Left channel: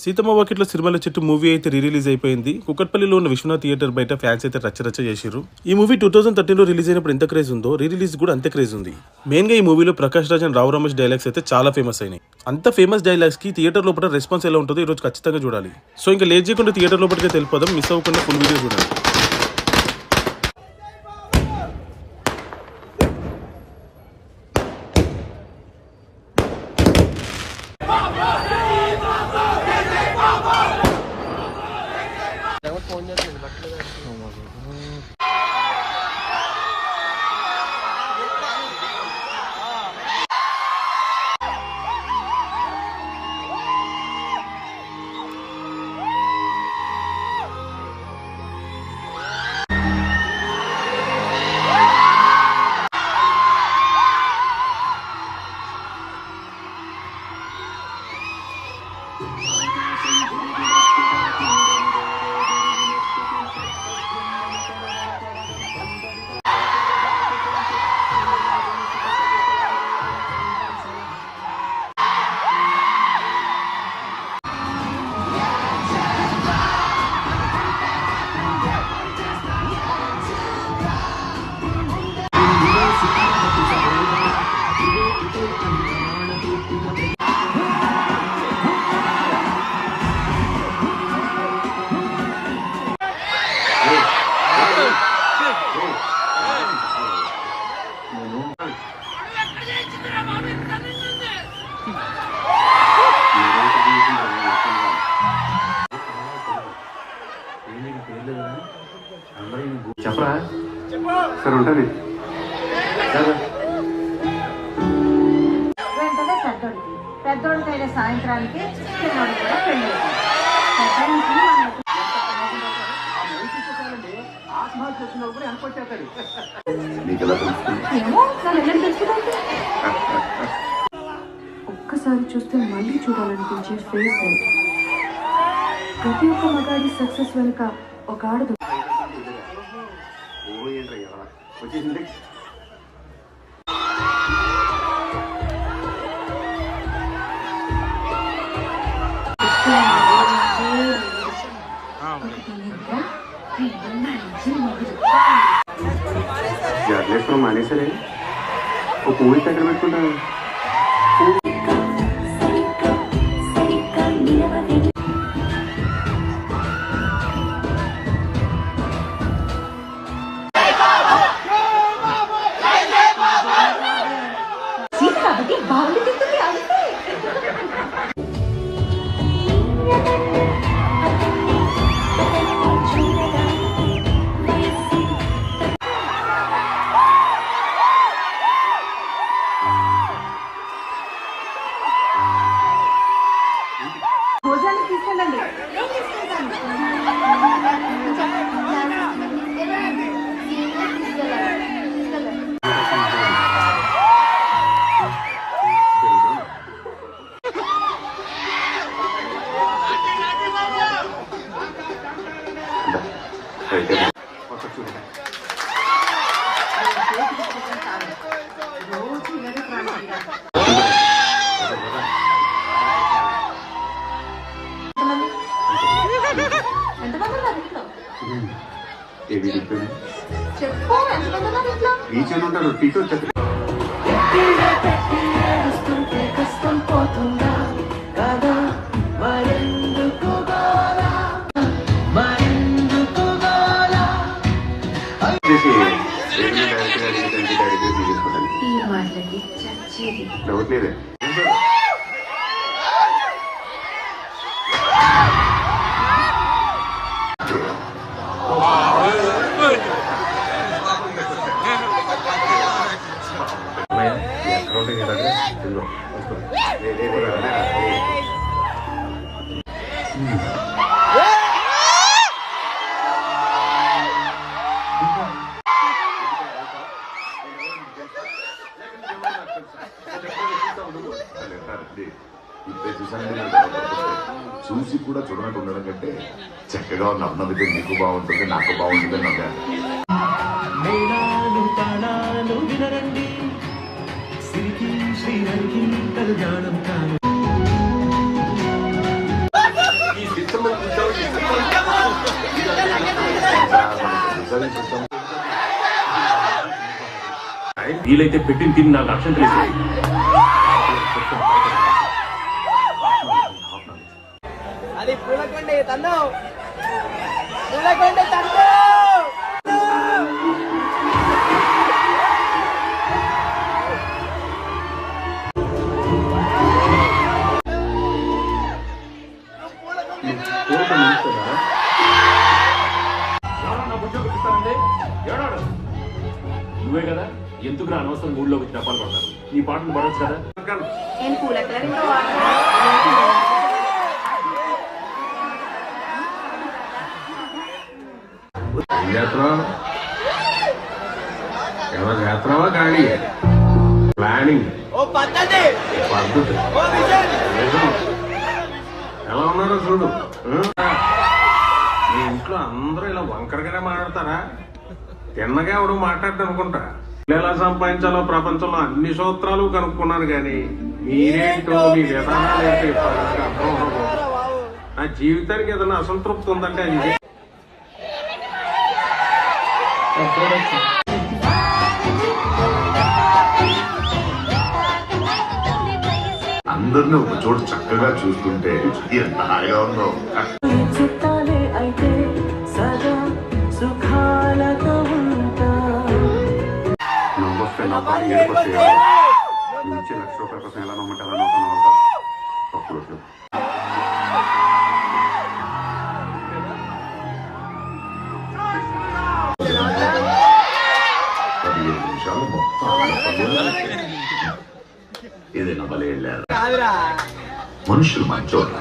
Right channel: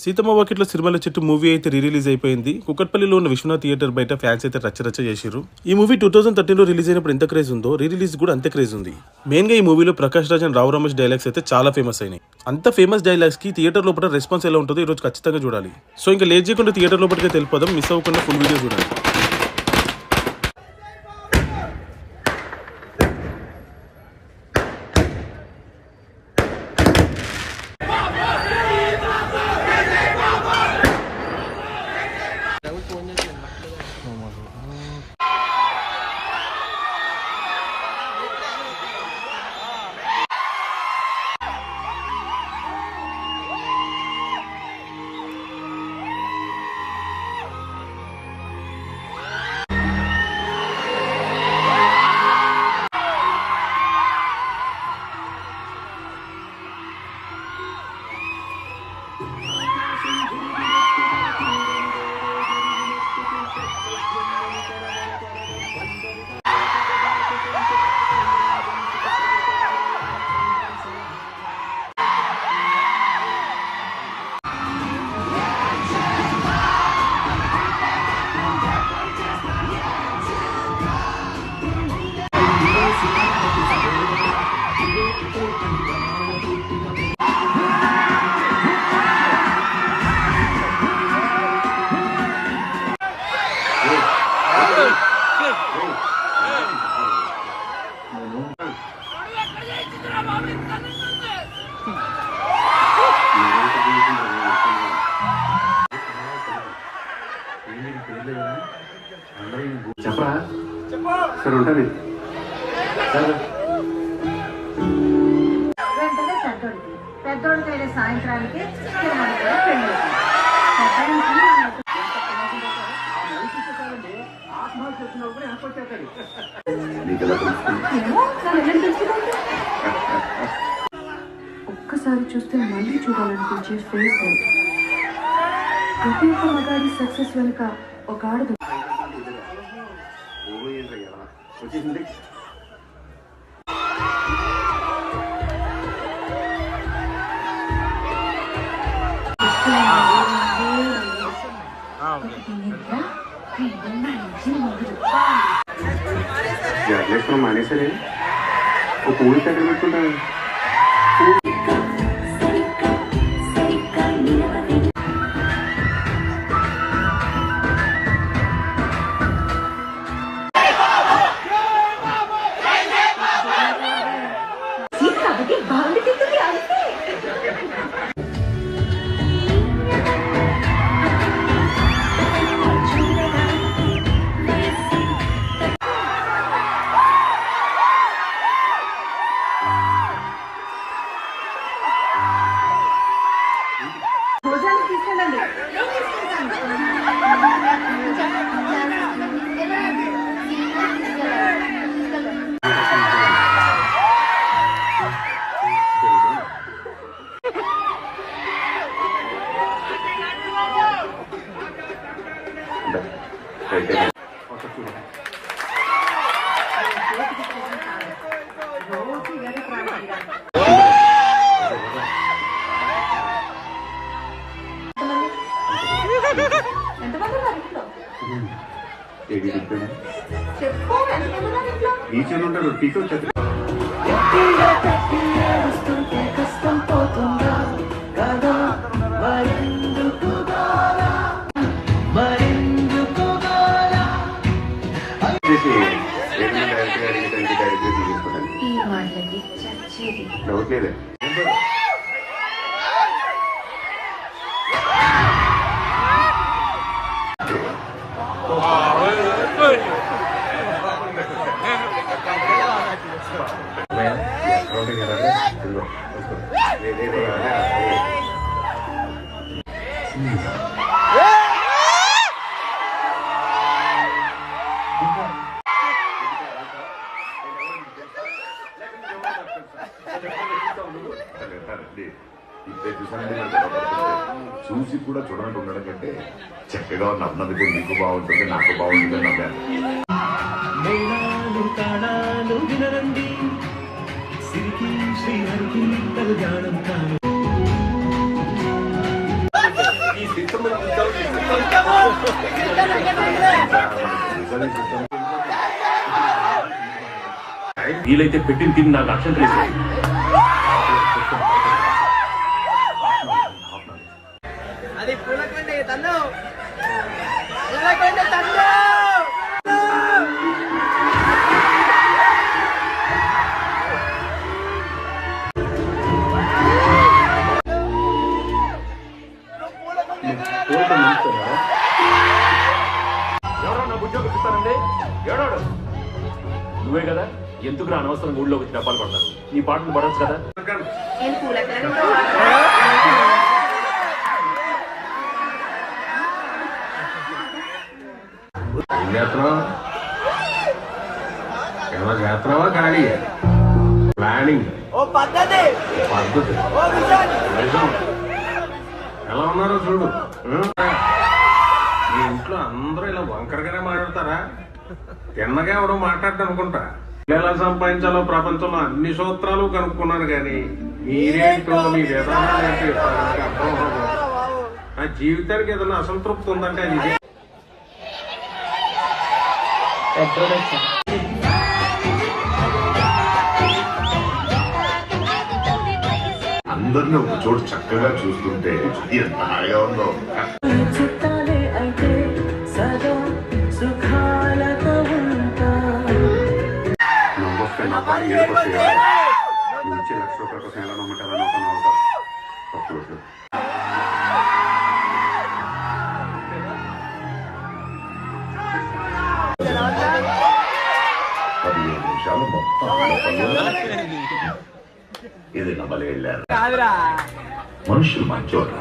సీతమ్మ వాకిట్లో సిరిమల్ల చెట్టు మూవీ అయితే రిలీజ్ అయిపోయింది. కుకట్పల్లిలో ఉన్న విశ్వనాథ్ థియేటర్ బయట ఫ్యాన్స్ అయితే రచ్చరచ్చ చేశారు. ఈ మూవీ 2013లో రిలీజ్ అయినప్పుడు ఎంత క్రేజ్ ఉందో రిలీజ్ కూడా అంతే క్రేజ్ ఉంది. మెయిన్ గా ఈ మూవీలో ప్రకాష్ రాజ్ అండ్ రావు రమేష్ డైలాగ్స్ అయితే చాలా ఫేమస్ అయినాయి. అంత ఫేమస్ డైలాగ్స్ కి థియేటర్ లోపల రెస్పాన్స్ ఎలా ఉంటుందో ఈ రోజు ఖచ్చితంగా చూడాలి. సో ఇంకా లేట్ చేయకుండా థియేటర్ లోపలికి తెలిపోదాం. మిస్ అవ్వకుండా ఫుల్ వీడియో చూడండి. చెప్పరా సరే ఉంటుంది. వెంటనే పెద్దోడికి సాయంత్రానికి చిన్నోడు కూడా పెళ్లి. ఒక్కసారి చూస్తే మళ్ళీ చూడాలనిపించే ఫేస్. ప్రతి ఒక్క మగాడి సక్సెస్ వెనుక ఒక ఆడదు. వచ్చేసింది జాగ్రత్త మానేసరే ఒక పూరి దగ్గర పెట్టుకుంటాను. భోజనానికి తీసుకెళ్ళండి. ఎంతమంది ఉన్నారు ఇంట్లో? చెప్పు, ఎంతమంది ఉన్నారు ఇంట్లో? ఈచన్ ఉంటారు. టీచర్ కష్టం పోతుందా కదా మరెందుకు గోలా మరెందుకు గోలా. ఈ మాటలకి చచ్చేది డౌట్ లేదే. ఇప్పుడే చూసానండి. చూసి కూడా చూడనట్టు ఉండడం కంటే చక్కగా నవ్వితే నీకు బాగుంటుంది, నాకు బాగుంటుంది నవ్వాను. రికార్డింగ్ సిస్టమ్ వీలైతే పెట్టిన తిని నాకు అక్షం తెలియదు. అది పూలకొండ తన్ను పూలకొండ తన్ను ఎవరో నాకు ఉద్యోగం ఇస్తానండి. ఎవడాడు? నువ్వే కదా ఎందుకు అనవసరం ఊళ్ళో వచ్చి డబ్బాలు పడతాను. నీ పాటలు పడవచ్చు కదా. నేను పూలకలను ఏమైనా చేస్తున్నావా ఖాళీ ప్లానింగ్ ఓ పద్ధతి పద్ధతి ఓ విజన్ నిజం. ఎలా ఉన్నారో చూడు. మీ ఇంట్లో అందరూ ఇలా వంకరగానే మాట్లాడతారా? తిన్నగా ఎవడో మాట్లాడటం అనుకుంటా. ఎలా సంపాదించాలో ప్రపంచంలో అన్ని సూత్రాలు కనుక్కున్నాను కానీ మీరేంటో మీ విధానాలు ఏంటో ఇప్పటిదాకా అర్థం అవ్వదు. నా జీవితానికి ఏదైనా అసంతృప్తి ఉందంటే అది ఇదే. అందరినీ ఒక చోటు చక్కగా చూస్తుంటే ఎంత హాయిగా ఉందో. చుట్టాలే అయితే సదా సుఖాలతో ఉంటా. నవ్వొస్తే నవ్వాలి, ఏడుకొస్తే ఏడవాలి. నువ్వు ఇచ్చే ₹1,00,000 కోసం ఎలా నమ్మంటారా? నవ్వుతా తప్పులు 15 నిమిషాలు మొత్తం అల్ల పనులు. ఏదైనా బలి వెళ్ళారు. మనుషులు మంచోళ్ళ.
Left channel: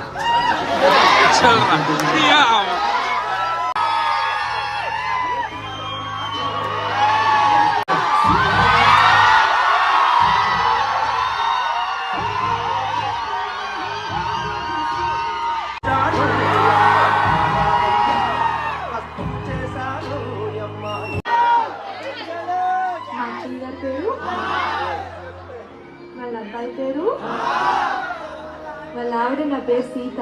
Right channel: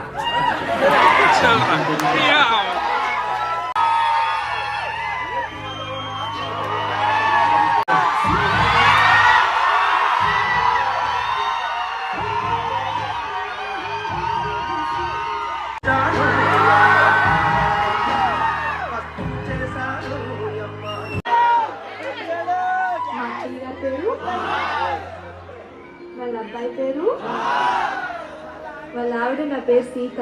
మా అచ్చయ్య గారి పేరు, వాళ్ళ అబ్బాయి పేరు, వాళ్ళ ఆవిడ నా పేరు సీత.